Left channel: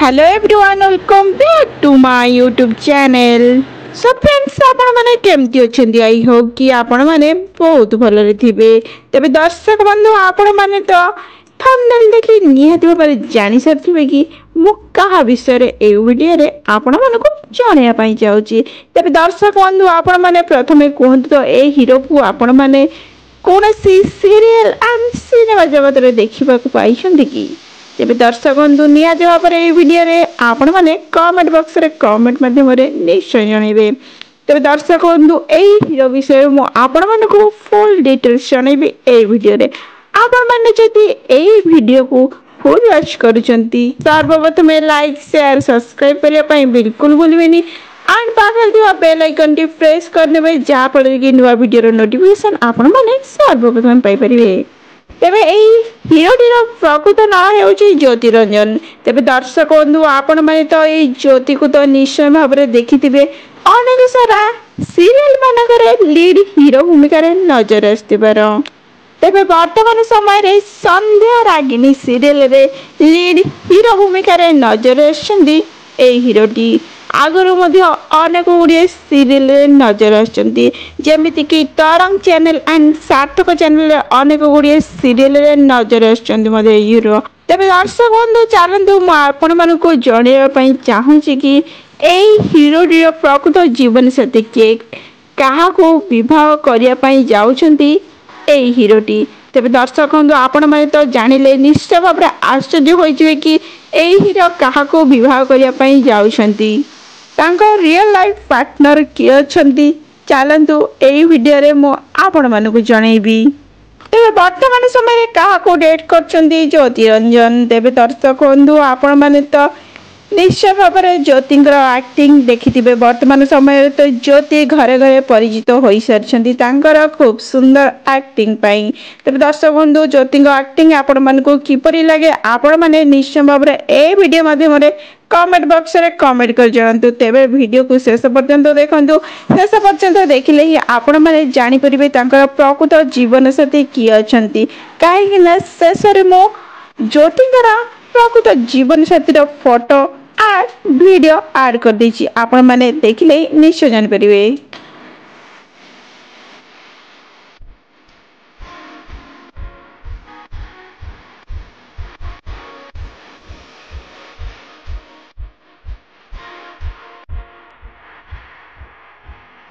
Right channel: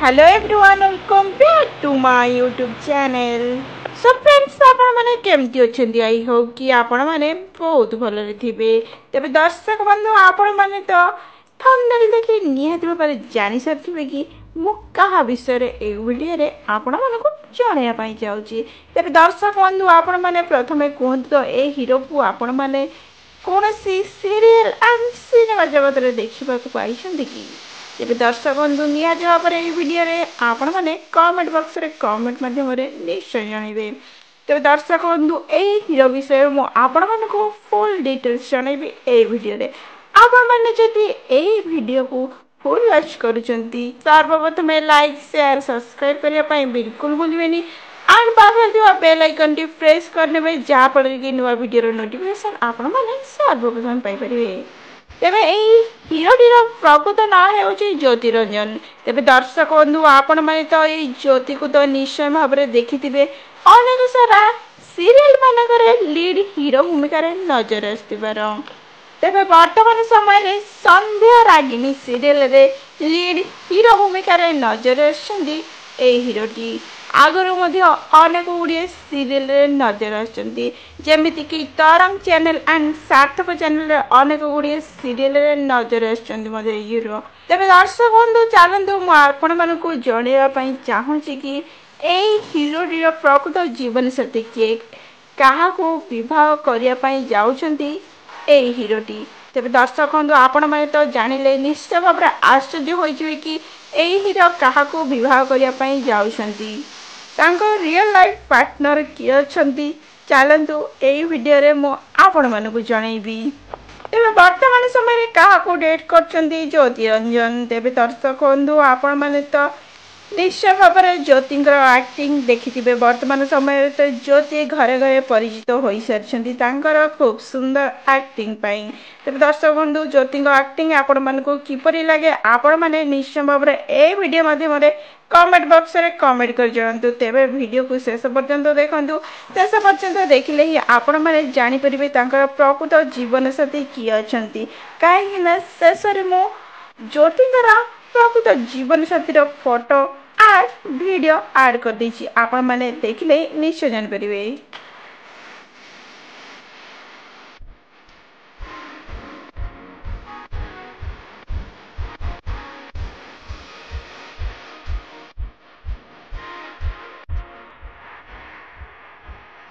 Hello everyone, welcome back to my YouTube channel. So friends, आपण माने केमती अछंदी I hope कि आपण माने बहुत भलरे थिबे। तबे दर्शक बंधु आपण माने तो थंबनेल देखि निहाती भाबरे जानि सरथिबे कि मु कहा विषय रे ए वीडियो रे आपण मानको जणैया पई जाउची। तबे दर्शक बंधु आपण माने प्रथमे कहंतु तो ए हीरो को आपण माने कोनसी सीरियल एंड सिनेमा जगत रे देखिबा को पाइछंदी कि तेज दर्शक बंधु निहत भाव में वीडियो रे आपण मैंने कमेंट बॉक्स रे कमेंट माध्यम निश्चय जनइबे। तेज दर्शक बंधु यही हीरो विषय आपण को फुल डिटेल्स जनइबी ए वीडियो रे। आपण मैंने जदि ए वीडियो को फुल वॉच करूछंती सर्वप्रथम लाइक शेयर सब्सक्राइब करने पई बिल्कुल भूलबेनी एंड पाखल दिवा बेल आइकन टी प्रेस करने में जहाँ फल कि नुआ वीडियो रो नोटिफिकेशन आपण मैंने सर्वप्रथम पाई परिबे। तेबे एई हीरोटीर प्रकृत ना हेउची ज्योति रंजन। तेबे दर्शक बंधु आपण माने तो एई ज्योति को तो निश्चय भाव में देखिथिबे अनेक सारा सीरियल मानकरे लीड हीरो भूमिका रे नजर आस्तिबार। तेबे वर्तमान समय रे संध्या रागिनी सीरियल रे लीड हीरो भूमिका रे नजर आछंदी एई हीरोटी। आगरो मध्य अनेक गुड़िए सीरियल नजर आछंती जेमिति कि तरंग चैनल एंड सार्थक चैनल अनेक गुड़िए सीरियल नजर आछंती मध्य हीरो। तेबे दर्शक बंधु चलंतु मु आपण मानको जणैया पई चाहूची कि एई हीरोटीर प्रकृत जीवन साथी के कहा को विवाह करिया पई जाउछंती एई हीरोटी। तेबे दर्शक बंधु आपण माने तो जानिले निश्चय भाव आश्चर्य होइजिवे कि एई हीरो कहा को विवाह करिया पई जाउछंती तांको रियल लाइफ पार्टनर किए अछंती चलंतु एई वीडियो रे मो आपण मानको जणैबी। तेबे वर्तमान समय रे कहा को डेट करछंती ज्योति रंजन। तेबे दर्शक बंधु आपण माने तो निश्चय भाव में ज्योतिंकर एक्टिंग देखिथिबे। वर्तमान समय तो ज्योति घरे घरे परिचित हो सारी खूब सुंदर एक्टिंग पाई। तेज दर्शक बंधु ज्योति एक्टिंग आपण मानक किपरि लगे आपण माने निश्चय भाव में ए वीडियो माध्यम कमेंट बॉक्स रे कमेंट कर जणातु। तेबे वीडियो को शेष पर्यंत देखंतु। शेष पर्यंत देखिले ही आपण माने जानि परिबे तांकर प्रकृत जीवन साथी किए अछंती काहे ना शेष रे मो ज्योतिंकर प्रकृत जीवन साथी फोटो वीडियो ऐड कर दीजिए आपण माने देखिले निश्चय जान परिबे।